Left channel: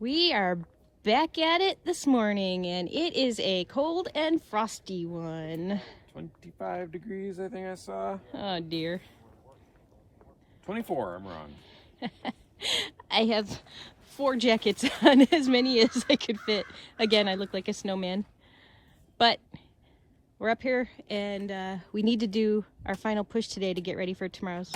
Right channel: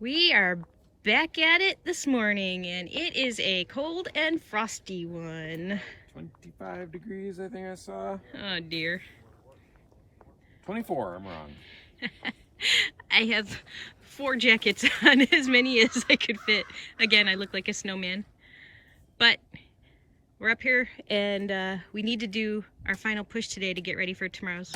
We are back at it this morning, and it is a cold and frosty one. 25 degrees, I think I saw. Oh dear. 24, I'm wrong. I have 4 jackets on, as many as I could fit. Again, I look like a snowman. But we're up here, and we need to do our final push today to get ready for tomorrow's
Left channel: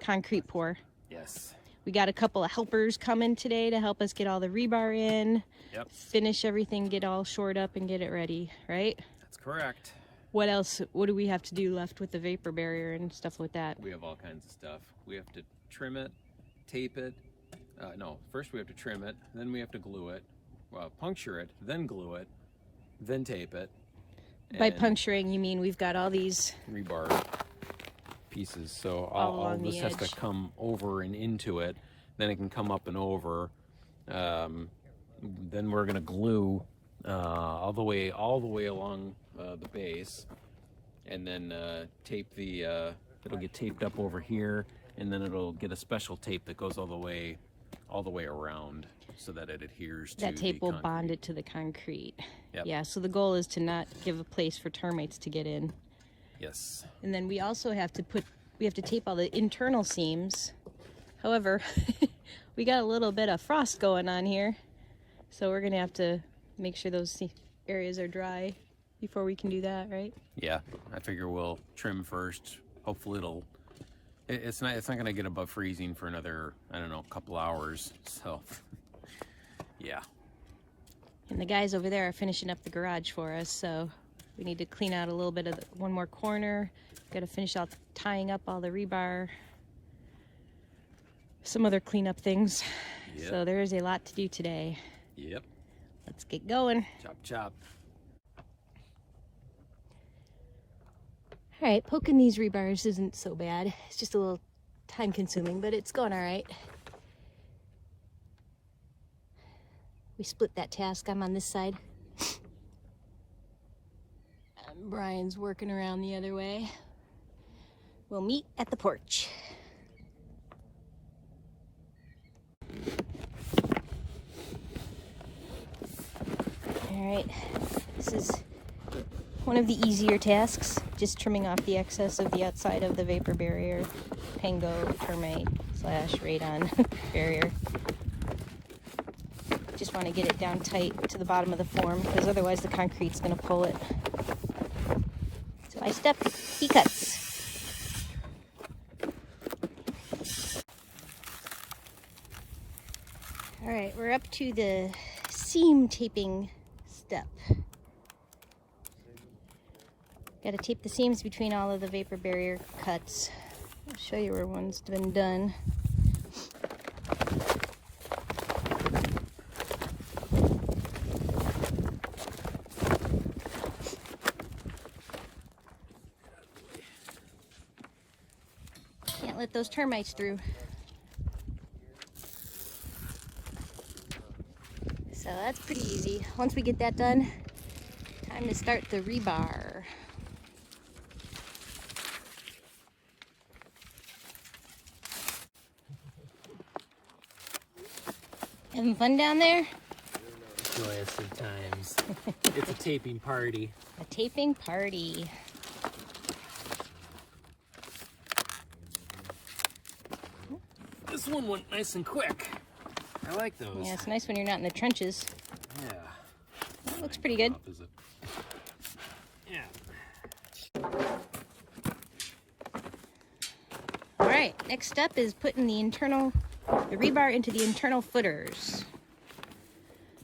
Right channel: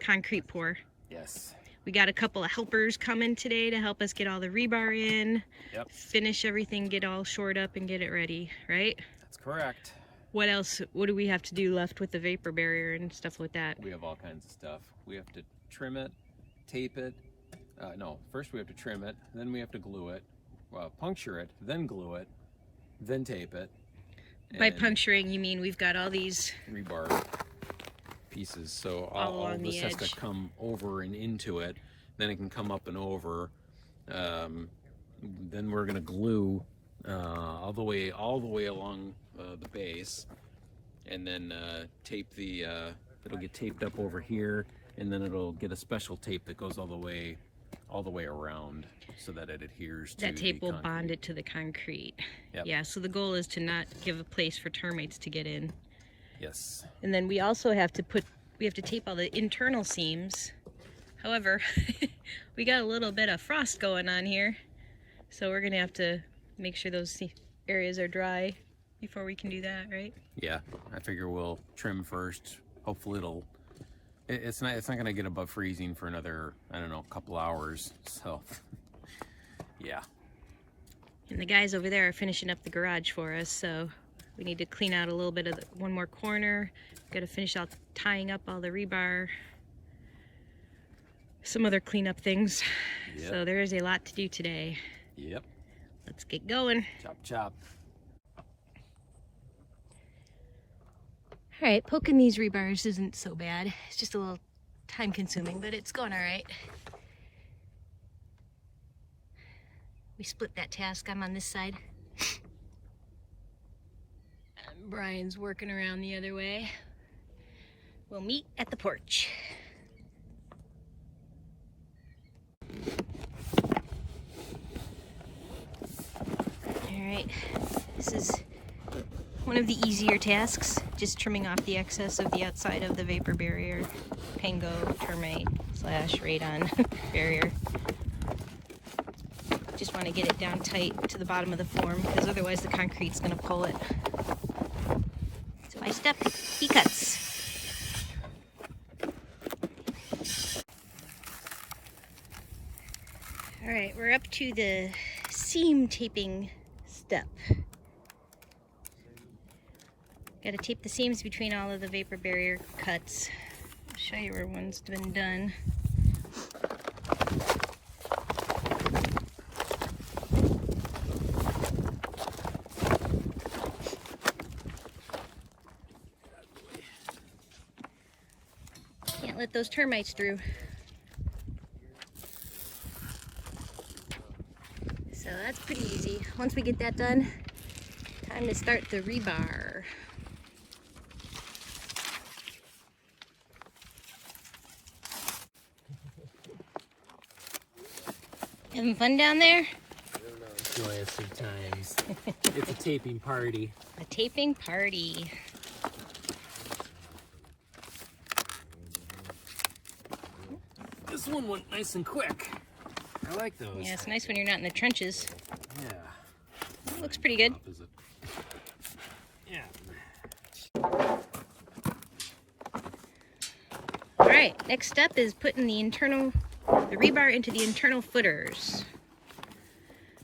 concrete pour. Yes. We got a couple of helpers coming today to help us get all the rebar in, finish everything, get all shored up and get it ready, right? That's correct. What else? What do we have to do left with the vapor barrier and stuff like that? We have all kinds of stuff. We have to trim it, tape it. No, first we have to trim it, then we have to glue it, puncture it, then glue it, then tape it. By puncturing, you mean we've got all these rebar pieces, so all of this has to come over and into it, then it can come up and over. Then we're going to glue all the way along the base, and then tape the it'll get taped up over here, and then it'll get a special tape that goes all the way around so that it adheres to that tape will concrete. bond it to the concrete. Yep. Yeah, so the goal is to not give a place for termites to get in. Yes. And then we also have to tape all the internal seams. However, we got a little bit of frost going on here, so we're gonna have to make sure those areas are dry before we can do that, right? Yeah, I figure we'll trim first. Hopefully it's not gonna get above freezing for another, I don't know, couple hours. So yeah. And the guys over there are finishing up the garage for us, so we need to clean out a little bit of one more corner. Got to finish out tying up all the rebar. Some other cleanup things. Yep. So there is a lot to do today. Yep. Let's get going. Chop, chop. All right, poking these rebars isn't so bad. It's just a little time consuming, but it's going all right. We split that task. I'm on this side. And Brian's working around the other way. We'll meet at the porch. All right, this is one of the easier tasks, just trimming off the excess of the outside of the vapor barrier, Pango termite / radon barrier. Just want to get it down tight to the bottom of the form, because otherwise the concrete's going to pull it. So I step, he cuts. All right, we're up to the seam taping step. Got to tape the seams between all of the vapor barrier cuts. I'll show you where one's been done. Can't let those termites through. So that's pretty easy. Once we get that done, time to start the rebar. Having fun down there? Joyous of times. It's a taping party. A taping party. This one went nice and quick. I like those. Yeah, it's nice when you're not in the trenches. Yeah. That looks pretty good. Yeah. All right, next step is putting the rebar into the internal footers.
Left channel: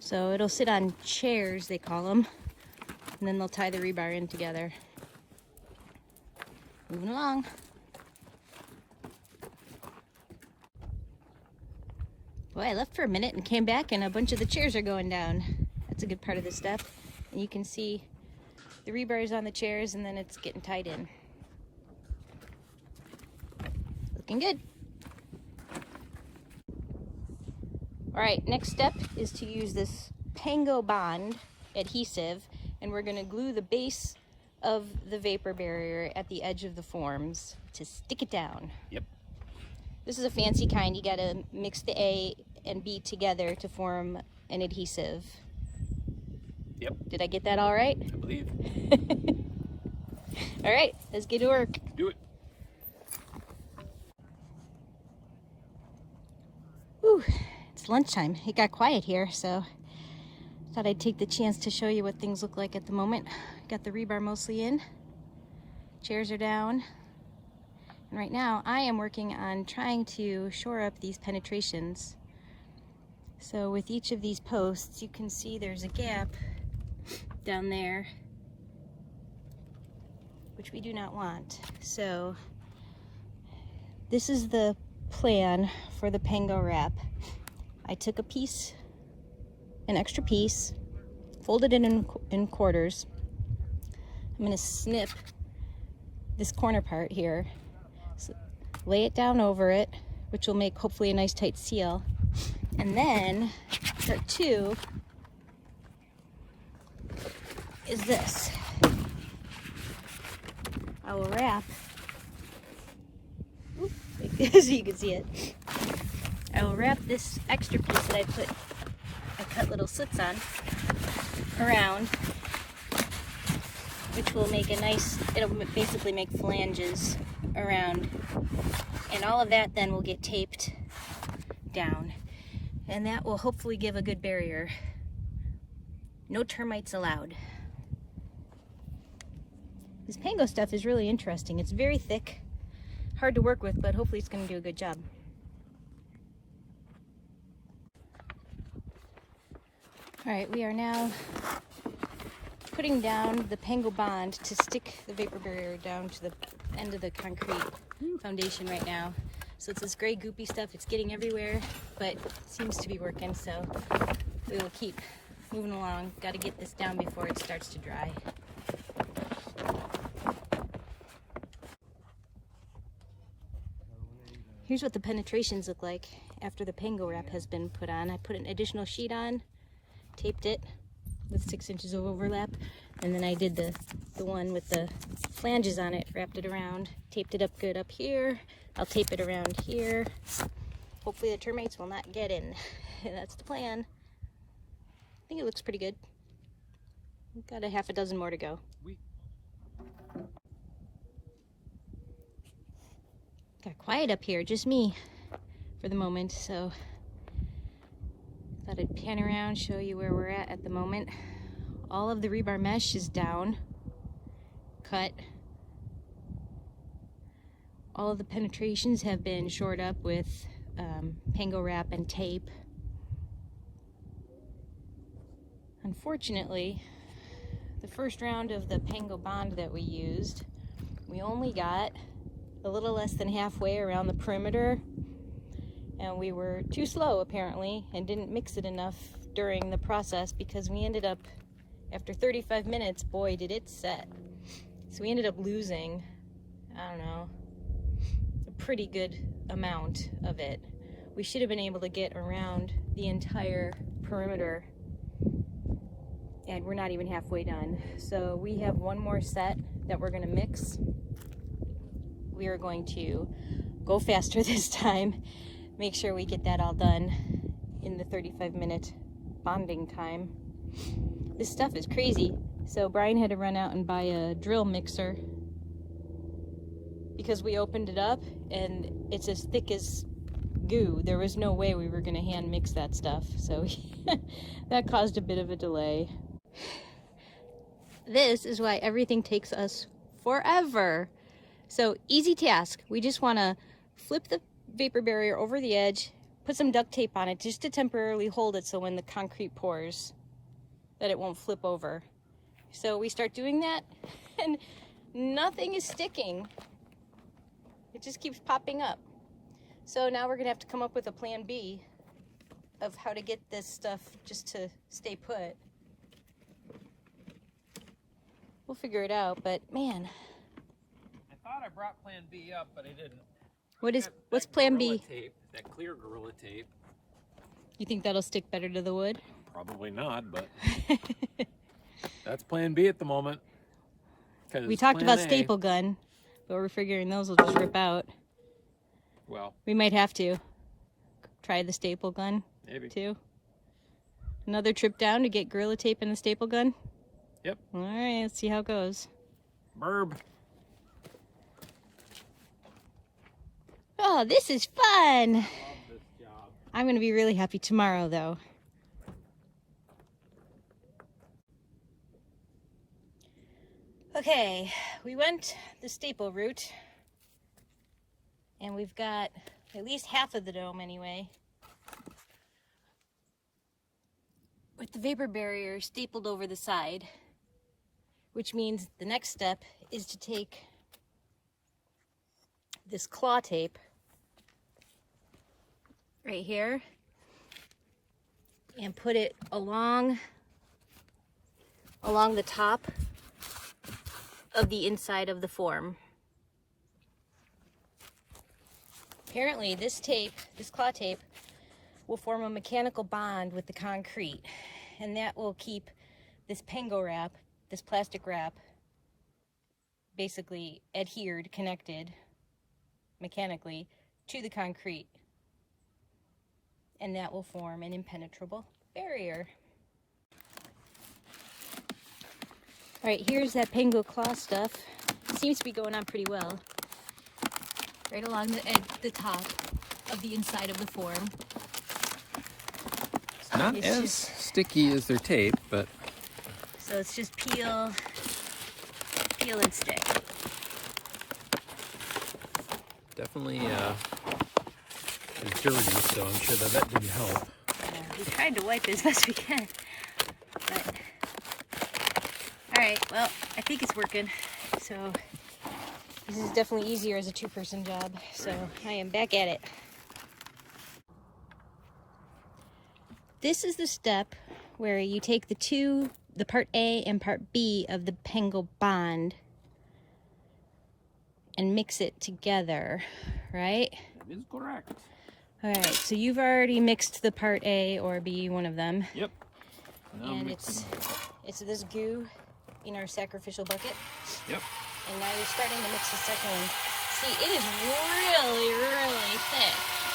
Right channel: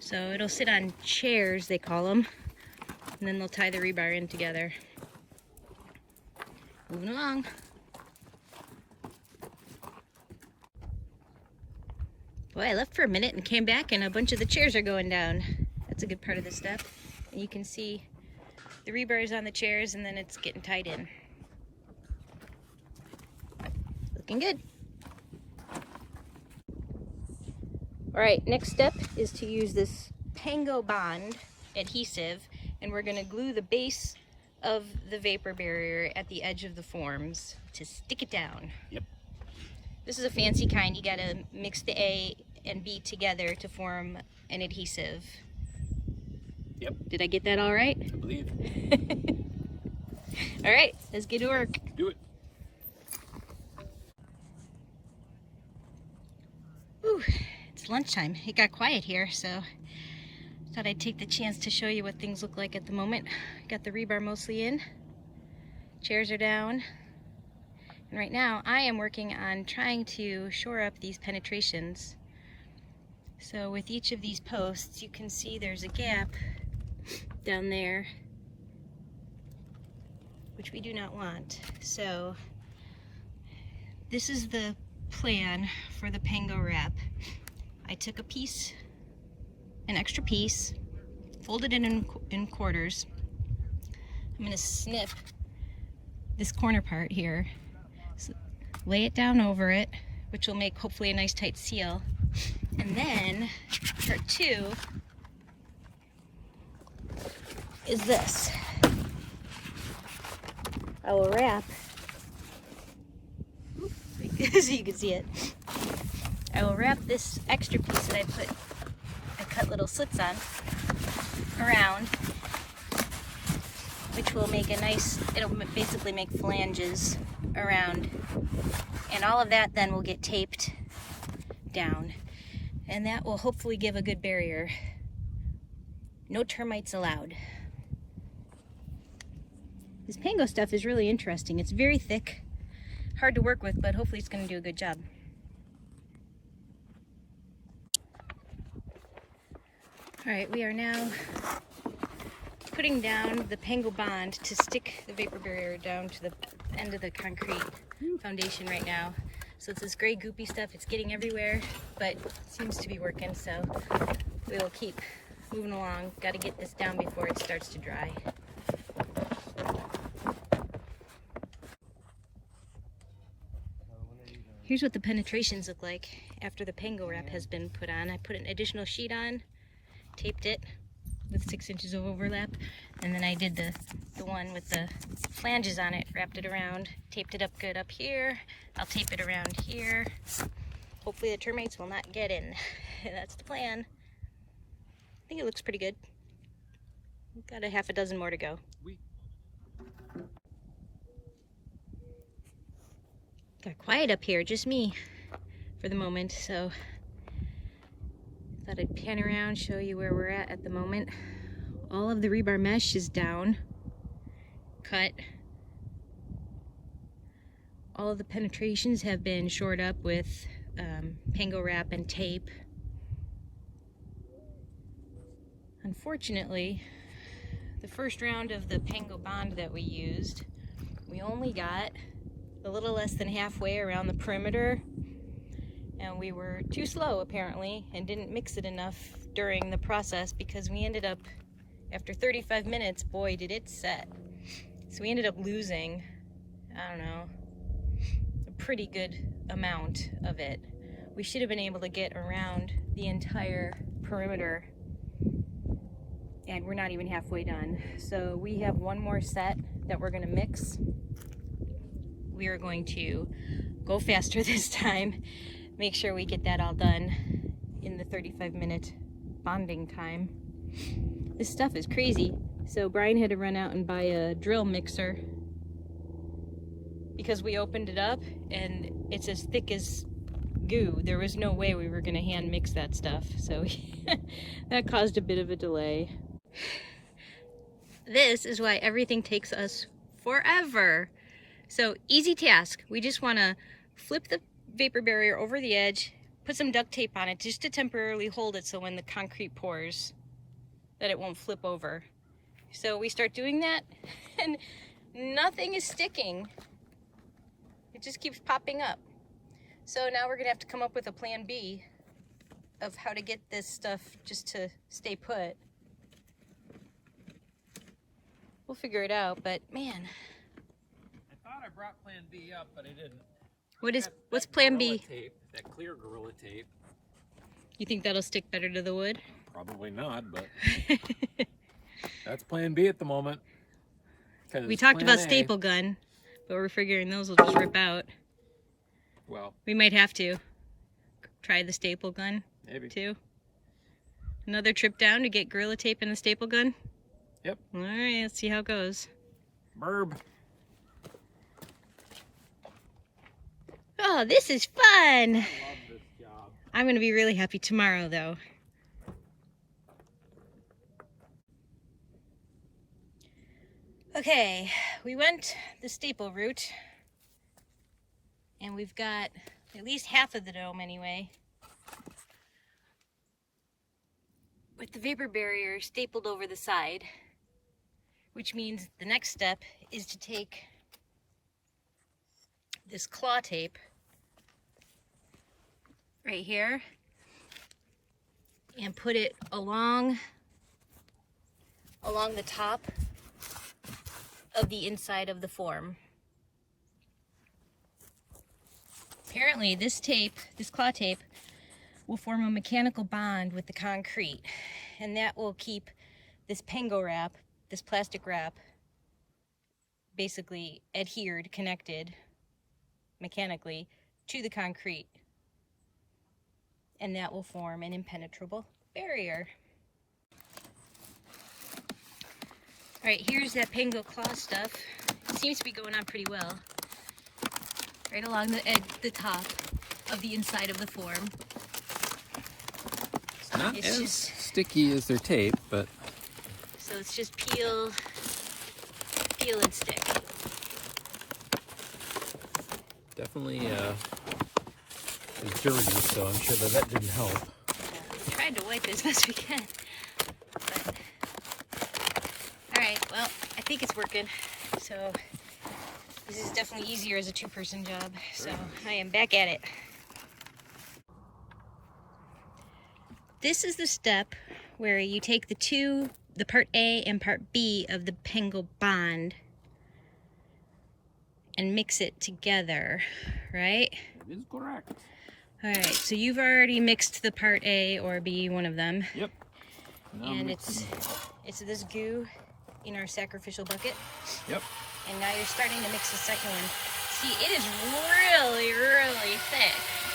So it'll sit on chairs, they call them, and then they'll tie the rebar in together. Moving along. Boy, I left for a minute and came back and a bunch of the chairs are going down. That's a good part of this step. And you can see the rebar is on the chairs and then it's getting tied in. Looking good. All right, next step is to use this Pango bond adhesive, and we're gonna glue the base of the vapor barrier at the edge of the forms to stick it down. Yep. This is a fancy kind. You gotta mix the and B together to form an adhesive. Yep. Did I get that all right? I believe. All right, let's get to work. Do it. Whew, it's lunchtime. It got quiet here, so thought I'd take the chance to show you what things look like at the moment. Got the rebar mostly in. Chairs are down. And right now I am working on trying to shore up these penetrations. So with each of these posts, you can see there's a gap down there, which we do not want. So this is the plan for the Pango wrap. I took a piece, an extra piece, folded it in quarters. I'm going to snip this corner part here, so lay it down over it, which will make hopefully a nice tight seal. And then part two is this. I will wrap, so you can see it. I will wrap this extra piece that I cut little slits on around, which will make a nice, it'll basically make flanges around. And all of that then will get taped down. And that will hopefully give a good barrier. No termites allowed. This Pango stuff is really interesting. It's very thick, hard to work with, but hopefully it's going to do a good job. All right, we are now putting down the Pango bond to stick the vapor barrier down to the end of the concrete foundation right now. So it's this gray goopy stuff, it's getting everywhere, but it seems to be working, so we will keep moving along. Got to get this down before it starts to dry. Here's what the penetrations look like after the Pango wrap has been put on. I put an additional sheet on, taped it with 6 inches of overlap, and then I did the one with the flanges on it, wrapped it around, taped it up good up here. I'll tape it around here. Hopefully the termites will not get in. That's the plan. I think it looks pretty good. We've got a half a dozen more to go. Got quiet up here, just me for the moment, so thought I'd pan around, show you where we're at the moment. All of the rebar mesh is down, cut. All of the penetrations have been shored up with Pango wrap and tape. Unfortunately, the first round of the Pango bond that we used, we only got a little less than halfway around the perimeter, and we were too slow apparently and didn't mix it enough during the process, because we ended up, after 35 minutes, boy did it set. So we ended up losing, I don't know, a pretty good amount of it. We should have been able to get around the entire perimeter, and we're not even halfway done. So we have one more set that we're going to mix. We are going to go faster this time, make sure we get that all done in the 35-minute bonding time. This stuff is crazy. So Brian had to run out and buy a drill mixer because we opened it up and it's as thick as goo. There was no way we were going to hand mix that stuff, so that caused a bit of a delay. This is why everything takes us forever. So easy task. We just want to flip the vapor barrier over the edge, put some duct tape on it just to temporarily hold it so when the concrete pours that it won't flip over. So we start doing that and nothing is sticking. It just keeps popping up. So now we're gonna have to come up with a plan B of how to get this stuff just to stay put. We'll figure it out, but man. I thought I brought plan B up, but I didn't. What's plan B? Tape, that clear Gorilla tape. You think that'll stick better to the wood? Probably not, but that's plan B at the moment. We talked about staple gun, but we're figuring those will just rip out. Well, we might have to try the staple gun. Maybe. 2. Another trip down to get Gorilla Tape and a staple gun? Yep. All right, let's see how it goes. Burb. Oh, this is fun. Love this job. I'm going to be really happy tomorrow, though. Okay, we went the staple route, and we've got at least half of the dome anyway, with the vapor barrier stapled over the side, which means the next step is to take this claw tape right here and put it along the top of the inside of the form. Apparently this claw tape, will form a mechanical bond with the concrete, and that will keep this Pango wrap, this plastic wrap, basically adhered, connected mechanically to the concrete, and that will form an impenetrable barrier. All right, here's that Pango claw stuff. It seems to be going on pretty well. Right along the top of the inside of the form. It's not as sticky as their tape, but... So it's just peel and stick. Definitely it's dirty, so I'm sure that didn't help. We tried to wipe it as best we can. But... Alright, well, I think it's working. So this is definitely easier as a 2-person job. So I am back at it. This is the step where you take the part A and part B of the Pango bond and mix it together, right? That is correct. All right, so you've already mixed the part A or B, one of them. Yep. Now And it's this goo in our sacrificial bucket. Yep. And now you're starting to mix the second one. See, it is really, really thick.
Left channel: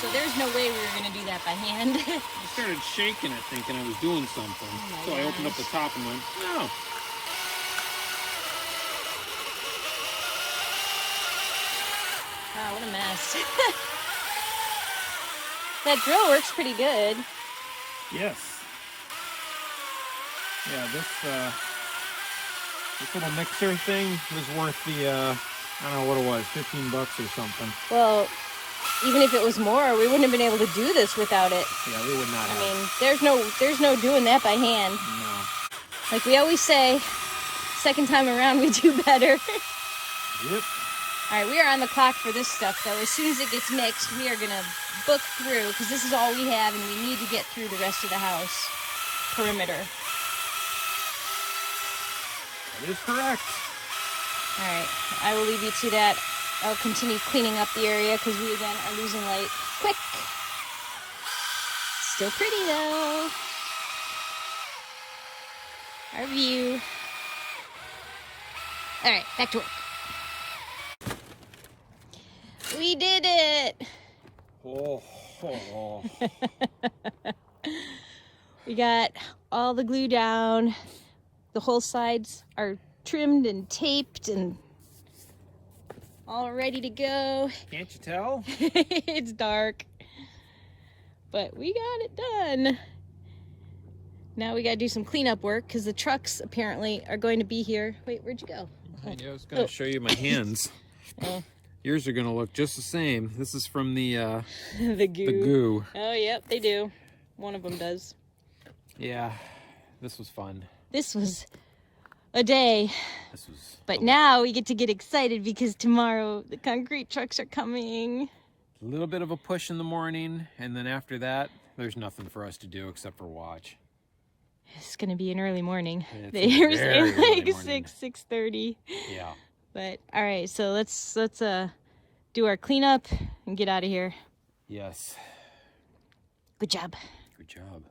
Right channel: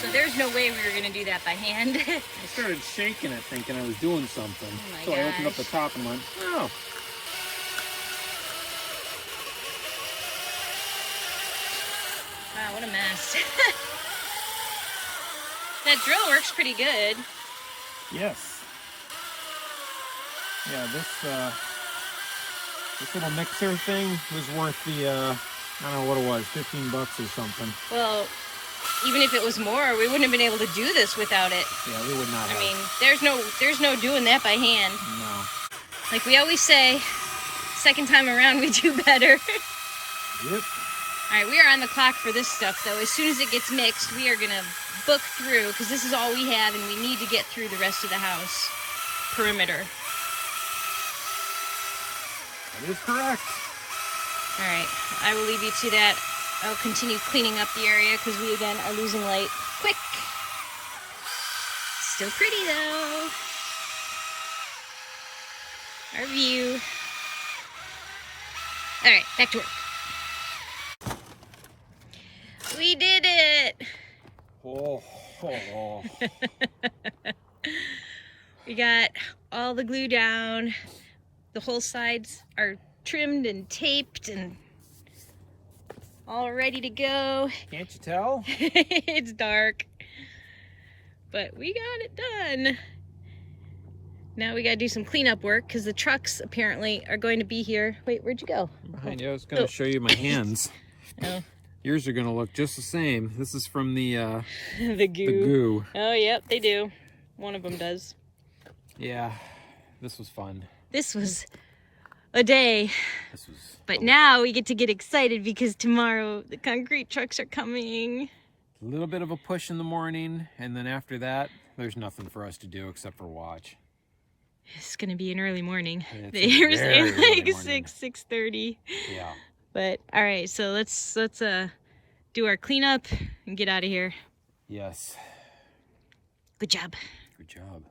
So there's no way we were gonna do that by hand. I started shaking it thinking I was doing something. Oh so I opened up the top and went, oh. Wow, what a mess. That drill works pretty good. Yes. Yeah, this little mixer thing was worth the, I don't know what it was, 15 bucks or something. Well, even if it was more, we wouldn't have been able to do this without it. Yeah, we would not have. I mean, there's no doing that by hand. No. Like we always say, second time around we do better. Yep. All right, we are on the clock for this stuff, so as soon as it gets mixed, we are gonna book through, because this is all we have and we need to get through the rest of the house perimeter. That is correct. All right, I will leave you to that. I'll continue cleaning up the area because we again are losing light quick. Still pretty though. Our view. All right, back to work. We did it. Oh. We got all the glue down. The whole sides are trimmed and taped and all ready to go. Can't you tell? It's dark, but we got it done. Now we gotta do some cleanup work because the trucks apparently are going to be here. Wait, where'd you go? Behind you. I was going to show you my hands. Oh. Yours are going to look just the same. This is from the The goo. the goo. Oh, yep, they do. One of them does. Yeah, this was fun. This was a day. This was. But now we get to get excited because tomorrow the concrete trucks are coming. A little bit of a push in the morning, and then after that, there's nothing for us to do except for watch. It's gonna be an early morning. It's They were a saying very early like morning. 6:30. Yeah. But all right, so let's do our cleanup and get out of here. Yes. Good job. Good job.